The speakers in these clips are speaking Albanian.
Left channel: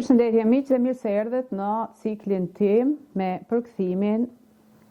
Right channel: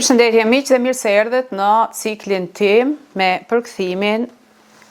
Përshëndetje miq dhe mirë se erdhët në ciklin tim me përkthimin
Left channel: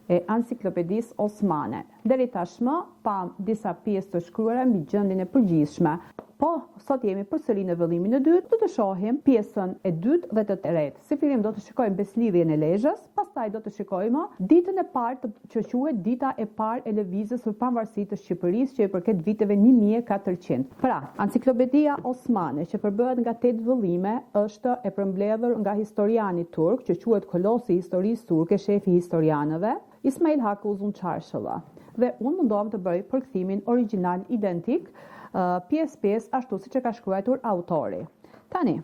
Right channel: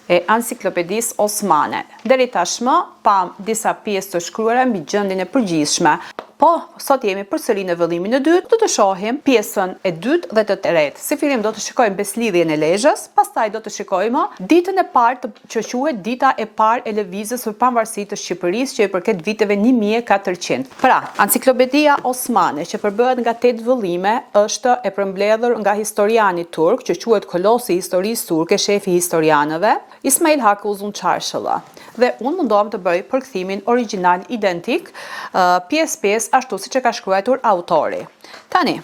e Enciklopedisë Osmane. Deri tashmë pam disa pjesë të shkruara mbi gjendjen e përgjithshme. Po, sot jemi përsëri në vëllimin e dytë, do të shohim pjesën e dytë dhe të tretë. Si fillim do të shikojmë beslidhjen e Lezhës, pastaj do të shikojmë ditën e parë që quhet dita e parë e lëvizjes për pavarësitë të Shqipërisë, që i përket viteve 1400. Pra, Enciklopedia Osmane, që përbëhet nga 8 vëllime, është e përmbledhur nga historiani turk, që quhet Kolosi i historisë turke, shefi i historianëve, Ismail Haku Uzun Çarshëlla. Dhe unë mundohem të bëj përkthimin origjinal identik, pjesë ashtu siç e ka shkruar autori. Tani,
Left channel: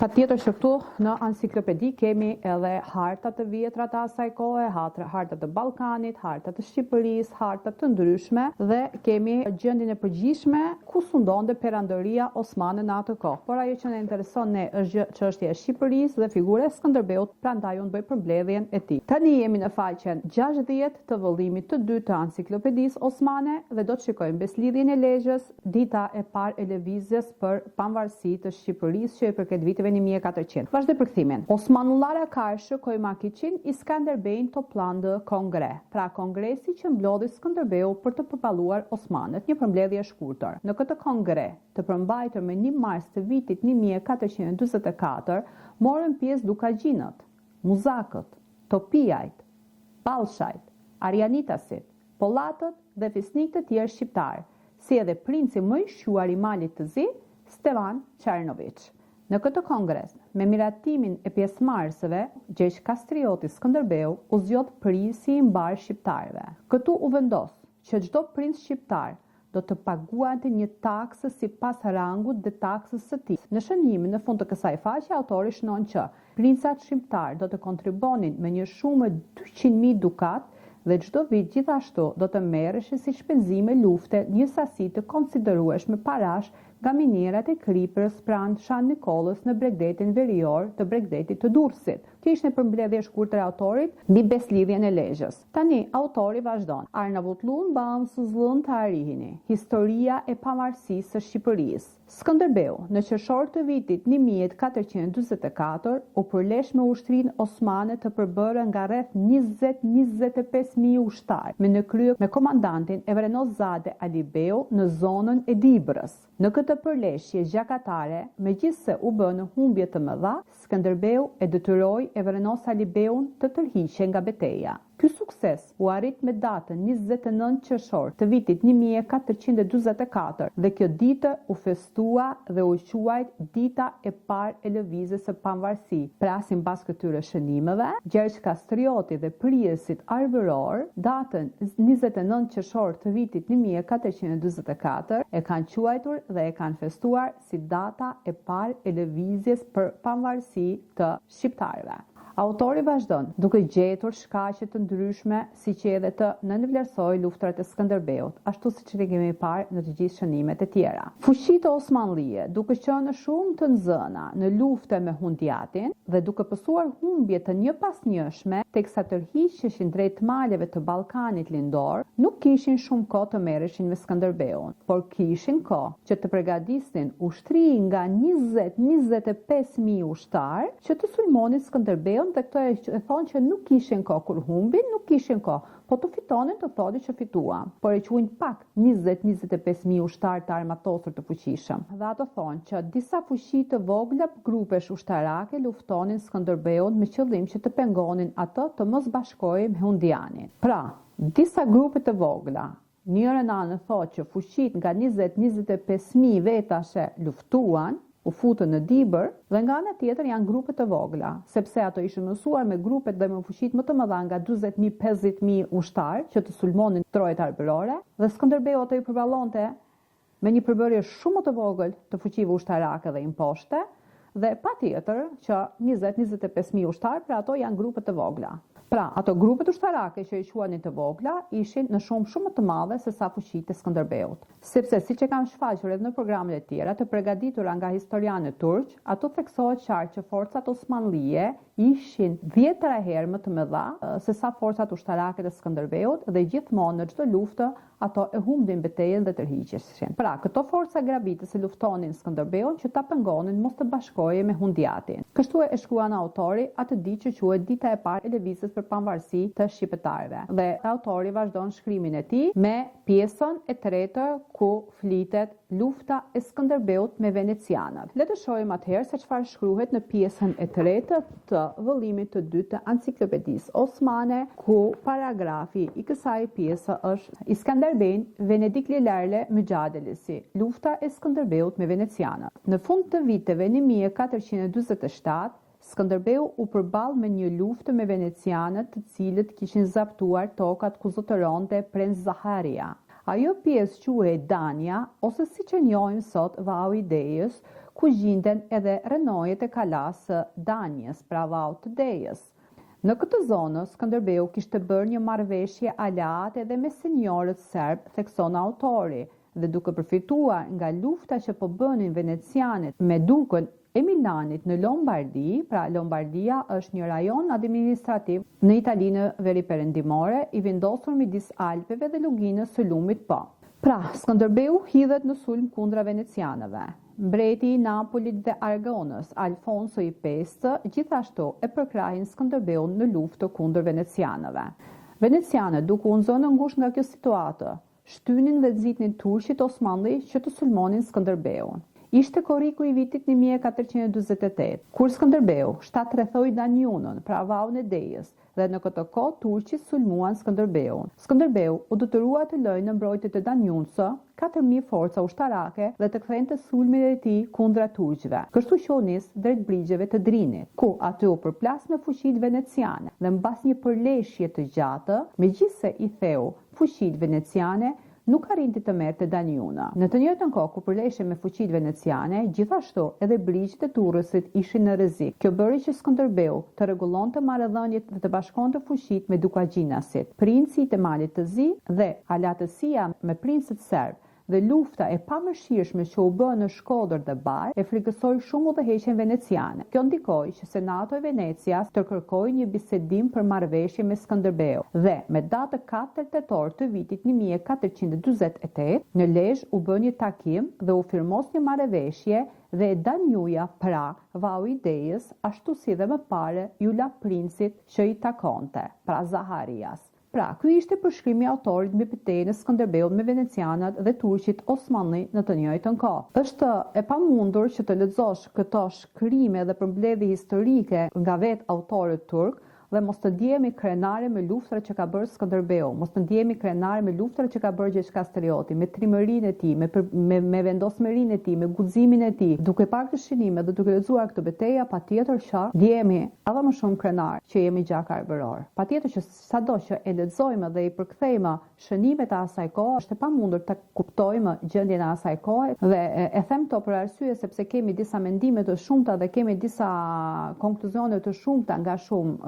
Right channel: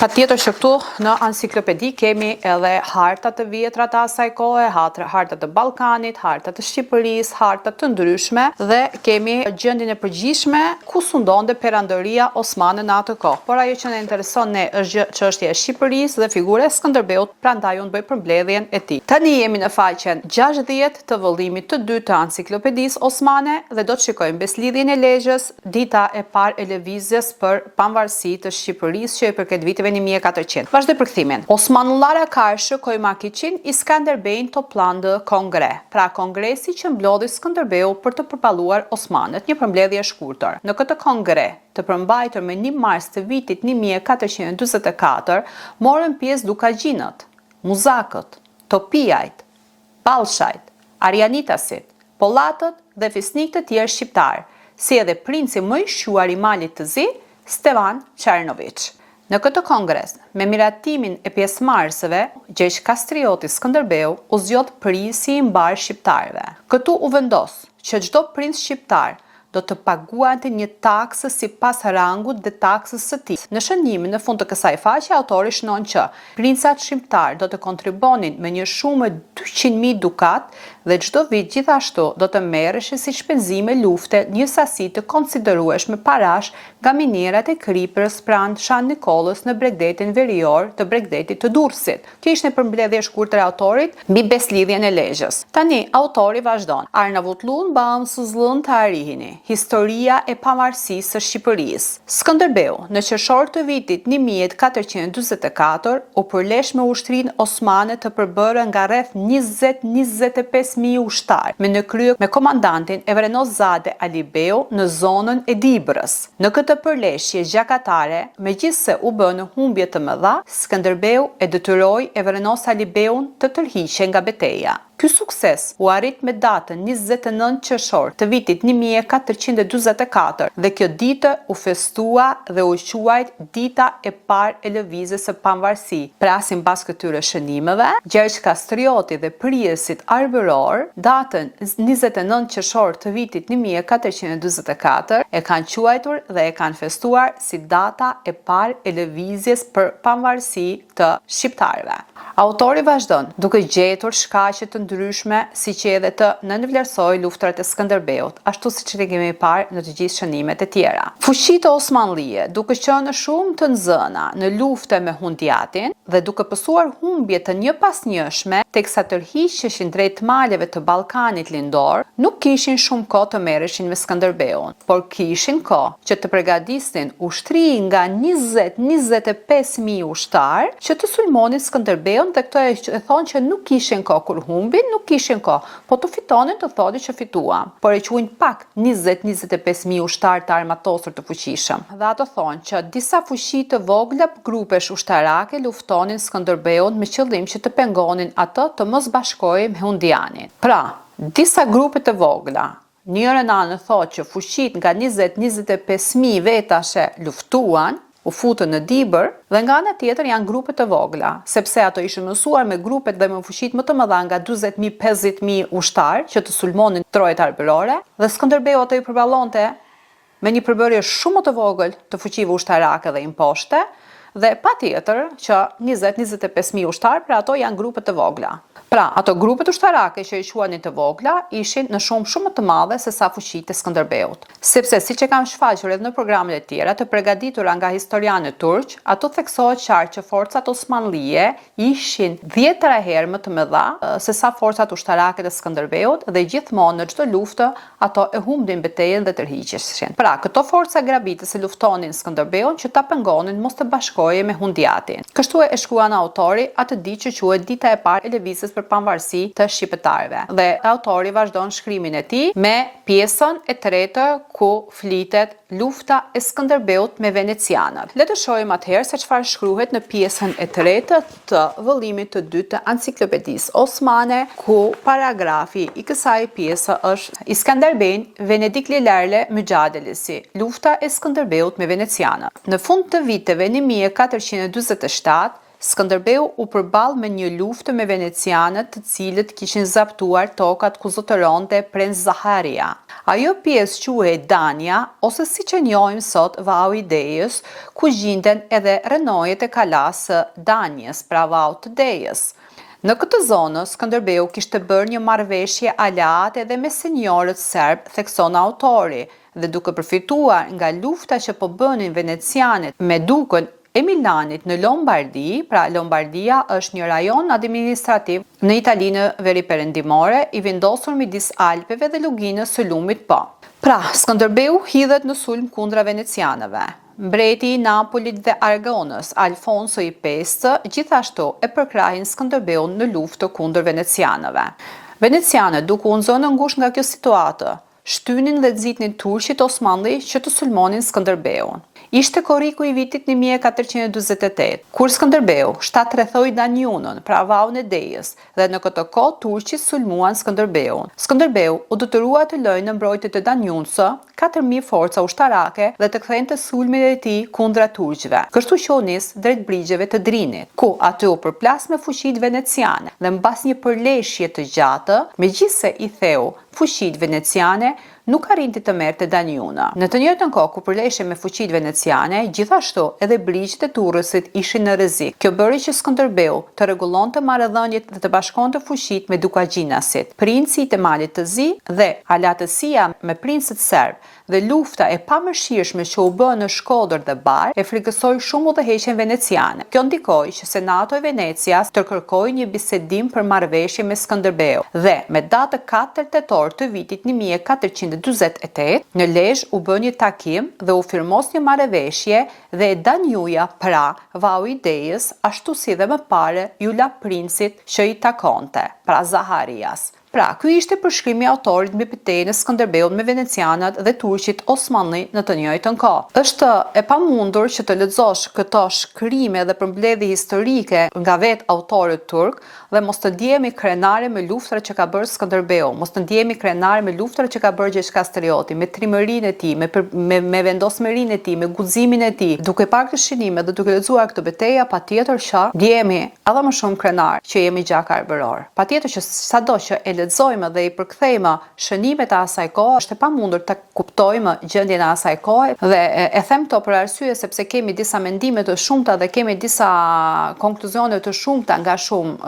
patjetër që këtu në enciklopedi kemi edhe hartat të vjetra të asaj kohe, hartat të Ballkanit, hartat të Shqipërisë, hartat të ndryshme dhe kemi gjendjen e përgjithshme ku sundonte perandoria osmane në atë kohë. Por ajo që na intereson ne është çështja e Shqipërisë dhe figura e Skënderbeut, prandaj unë bëj përmbledhjen e tij. Tani jemi në faqen 60 të vëllimit të dytë të Enciklopedisë Osmane dhe do të shikojmë beslidhjen e Lezhës, dita e parë e lëvizjes për pavarësitë të Shqipërisë që i përket viteve 1400. Vazhdoj përkthimin. Osmanullara karşı koymak için İskender Bey'in toplandığı kongre. Pra kongresi që mblodhi Skënderbeu për të përballuar Osmanët, një përmbledhje e shkurtër. Në këtë kongre, të përmbajtur me 1 mars të vitit 1444, morën pjesë dukagjinët, muzakët, topijajt, ballshajt, arianitasit, pollatët dhe fisnik të tjerë shqiptar, si edhe princi më i shquar i Malit të Zi, Stevan Çernoviç. Në këtë kongres, me miratimin e pjesëmarrësve, Gjesh Kastrioti Skënderbeu u zgjodh prisi i mbar shqiptarëve. Këtu u vendos që çdo princ shqiptar do të paguante një taksë sipas rangut dhe taksës së tij. Në shënimin në fund të kësaj faqe, autori shënon që princat shqiptar do të kontribonin me një shumë 200.000 dukat dhe çdo vit gjithashtu do të merreshin si shpenzime lufte një sasi të konsiderueshme parash nga minerat e Kriprës pranë Shan Nikollës në Bregdetin verior të Bregdetit të Durrësit. Kjo ishte një përmbledhje e shkurtër e autorit mbi beslidhjen e Lezhës. Tani autori vazhdon. Arnavutlun bağımsızlığın tarihini. Historia e pavarësisë së Shqipërisë. Skënderbeu, në qershor të vitit 1444, u përlesh me ushtrinë osmane të përbërë nga rreth 20-25.000 ushtar, me komandantin Evrenozade Alibeu në zonën e Dibrës. Në këtë përleshje gjakatare, megjithse u bë në humbje të mëdha, Skënderbeu e detyroi Evrenos Alibeun të tërhiqej nga betejë. Ky sukses u arrit me datën 29 qershor të vitit 1444 dhe kjo ditë u festua dhe u quajt dita e parë e lëvizjes së pavarësisë. Pra sipas këtyre shënimeve, Gjergj Kastrioti dhe priesit arbëror, datën 29 qershor të vitit 1444 e kanë quajtur dhe e kanë festuar si data e parë e lëvizjes për pavarësi të shqiptarëve. Autori vazhdon, duke gjetur shkaqe të ndryshme, siç edhe të nënvlerësoj luftrat e Skënderbeut, ashtu siç e kemi parë në të gjithë shënimet e tjera. Fuqitë osmanlije, duke qenë shumë të nxëna në lufte me Hundiatin dhe duke pësuar humbje të njëpasnjëshme, teksa tërhiqeshin drejt maleve të Ballkanit lindor, nuk kishin shumë kohë të merreshin me Skënderbeun, por kishin kohë që të përgatisnin ushtri nga 20-25.000 ushtar që të sulmonin Skënderbeun. Dhe këto e thonë që nuk kishin kohë kur humbin, nuk kishin kohë, po të fitonin të thotë që fituan. Por e quajnë pak 20-25.000 ushtar të armatosur të fuqishëm. Dhe ato thonë që disa fuqi të vogla grupesh ushtarake luftonin Skënderbeun me qëllim që të pengonin atë të mos bashkohej me Hundianin. Pra, disa grupe të vogla, njëra anë thotë që fuqit nga 20-25.000 vetashe luftuan, u futën në Dibër, dhe nga ana tjetër janë grupe të vogla, sepse ato ishin mësuar me grupet dhe me fuqitë më të mëdha nga 40.000-50.000 ushtar që të sulmonin trojet arbërore, dhe Skënderbeu ato i përballonte me një përbërje shumë të vogël të fuqive ushtarake dhe imposhte, dhe patjetër që 20-25.000 ushtar, pra ato janë grupe të vogla. Pra, ato grupet ushtarake që i quanin të vogla ishin në shumë më të madhe se sa fuqitë e Skënderbeut. Sepse siç e kam shfaqur edhe në programet e tjera të përgatitura nga historianët turq, ato theksohet qartë që forcat osmanlije ishin 10 herë më të mëdha se sa forcat ushtarake të Skënderbeut dhe gjithmonë në çdo luftë ato e humbnin betejën dhe tërhiqeshin. Pra, këto forca grabitëse luftonin Skënderbeun që ta pengonin mos të bashkohej me Hundiatin. Kështu e shkruan autori atë ditë që quhet Dita e parë e lëvizjes për pavarësi të shqiptarëve. Dhe autori vazhdon shkrimin e tij me pjesën e tretë ku flitet lufta e Skënderbeut me venecianët. Le të shohim atëherë se çfarë shkruhet në pjesën e tretë të vëllimit të dytë të Enciklopedisë Osmane, ku paragrafi i kësaj pjese është Iskanderbej Venedik Lilerle Mücadelesi, lufta e Skënderbeut me venecianët. Në fund të viteve 1447, Skënderbeu u përball me një luftë me venecianët të cilët kishin zaptuar tokat ku zotëronte Prens Zaharia. Ajo pjesë quhej Dania, ose siç e njohim sot Vau i Dejës, ku gjinden edhe rrenojet e kalas së Danjes, pra Vau të Dejës. Në këtë zonë, Skënderbeu kishte bërë një marrëveshje aleate edhe me senjorët serb, thekson autori, dhe duke përfituar nga lufta që po bënin venecianët me dukën e Milanit në Lombardi, pra Lombardia është një rajon administrativ në Italinë veriperëndimore, i vendosur midis Alpeve dhe luginës së lumit po. Pra, Skënderbeu hidhet në sulm kundra venecianëve. Mbreti i Napolit dhe Aragonës, Alfonso i Pestë, gjithashtu e përkrahin Skënderbeun në luftë kundër venecianëve. Venecianët, duke u nxënë ngushtë nga kjo situatë, shtynin dhe nxitnin turqit osmanli që të sulmonin Skënderbeun. Ishte korriku i vitit 1448, kur Skënderbeu shtatrethoi Danjunën, pra Vaun e Dejës, dhe në këtë kohë turqit sulmuan Skënderbeun. Skënderbeu u detyrua të lëjë në mbrojtje të Danjunës 4.000 forca ushtarake dhe të kthente sulmin e tij kundra turqëve. Kështu që u nis drejt brigjeve të Drinit, ku aty u përplas me fuqitë veneciane dhe mbas një përleshje të gjatë, megjithse i theu fuqitë veneciane, nuk arrinti të merrte Danjuna. Në të njëjtën kohë ku përleshej me fuqitë veneciane, gjithashtu edhe brigjet e Durrësit ishin në rrezik. Kjo bëri që Skënderbeu të rregullonte marrëdhëniet dhe të bashkonte fuqitë me Dukagjinasit, princi i Malit të Zi, dhe alatësia me princët serb dhe lufta e pamëshirshme që u bë në Shkodër dhe Bar e frikësoi shumë udhëheqjen veneciane. Kjo ndikoi që Senati i Venecias të kërkojë një bisedim për marrëveshje me Skënderbeu dhe me datë 4 tetor të vitit 1448 në Lezhë u bë një takim dhe u firmos një marrëveshje dhe Danjuja, pra Vau i Dejës, ashtu si dhe më parë ju la princit që i takonte, pra Zaharias. Pra, ky ishte përshkrimi i autorit mbi betejën e Skënderbeut me venecianët dhe turqit osmanli në të njëjtën kohë. Është e pamundur që të lexosh këto shkrime dhe përmbledhje historike nga vetë autorët turk dhe mos të ndjehemi krenare me luftrat që ka bërë Skënderbeu, mos të ndjehemi krenare me luftrat që ka bërë Gjergj Kastrioti, me trimërinë e tij, me vendosmërinë e tij, me guximin e tij. Duke parë këtë shënime dhe duke lexuar këtë betejë, patjetër që ndjehemi edhe më shumë krenar që jemi gjak arbëror. Patjetër që sado që e lexojmë dhe i përkthejmë shënimet e asaj kohe, është e pamundur ta kuptojmë gjendjen e asaj kohe dhe e them këto për arsye sepse kemi disa mendime të shumta dhe kemi disa konkluzione të shumta nga shumë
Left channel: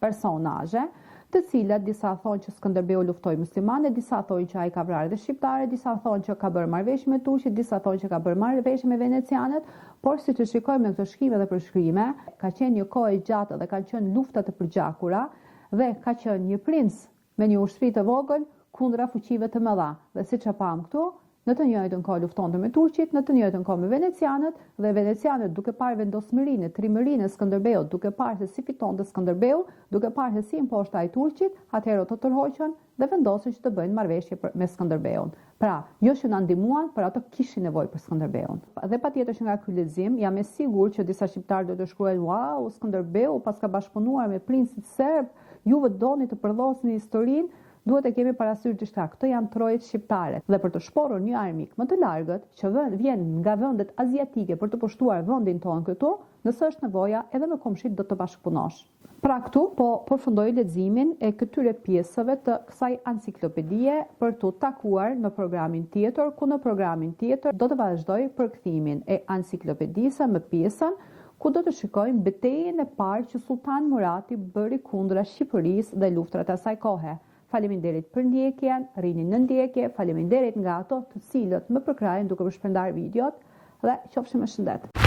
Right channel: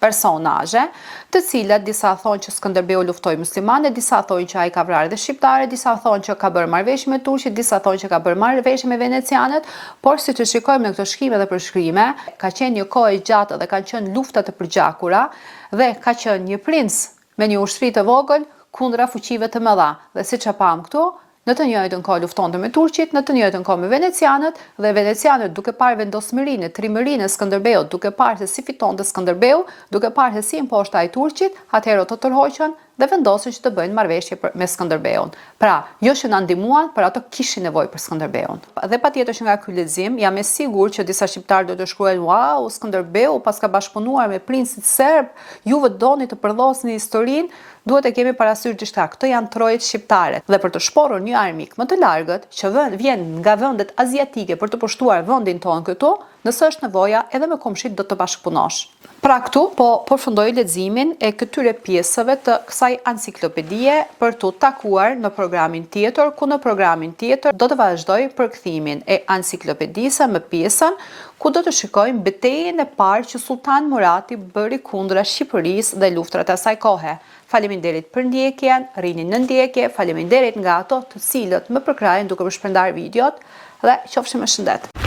personazhe, të cilat disa thonë që Skënderbeu luftoi muslimanë, disa thonë që ai ka vrarë dhe shqiptarë, disa thonë që ka bërë marrëveshje me turqit, disa thonë që ka bërë marrëveshje me venecianët, por siç e shikojmë në këto shkrime dhe përshkrime, ka qenë një kohë e gjatë dhe kanë qenë lufta të përgjakura dhe ka qenë një princ me një ushtri të vogël kundra fuqive të mëdha. Dhe siç e pam këtu, në të njëjtën kohë luftonte me turqit, në të njëjtën kohë me venecianët, dhe venecianët duke parë vendosmërinë, trimërinë e Skënderbeut, duke parë se si fitonte Skënderbeu, duke parë se si imposhta ai turqit, atëherë të tërhoqën dhe vendosën që të bëjnë marrëveshje me Skënderbeun. Pra, jo që na ndihmuan, por ato kishin nevojë për Skënderbeun. Dhe patjetër që nga ky lexim jam e sigurt që disa shqiptarë do të shkruajnë: "Wow, Skënderbeu pas ka bashkëpunuar me princit serb, juve doni të përdhosni historinë." Duhet e kemi parasysh gjithçka. Këto janë trojet shqiptare. Dhe për të shporur një armik më të largët që vjen nga vendet aziatike për të pushtuar vendin tonë këtu, nëse është nevoja, edhe me komshit do të bashkëpunosh. Pra këtu po përfundoj leximin e këtyre pjesëve të kësaj enciklopedie për të takuar në programin tjetër, ku në programin tjetër do të vazhdoj përkthimin e enciklopedisë me pjesën ku do të shikojmë betejën e parë që Sultan Murati bëri kundra Shqipërisë dhe luftrat e asaj kohe. Faleminderit për ndjekjen, rini në ndjekje, faleminderit nga ato të cilët më përkrajen duke më shpërndar videot dhe qofshim me shëndet.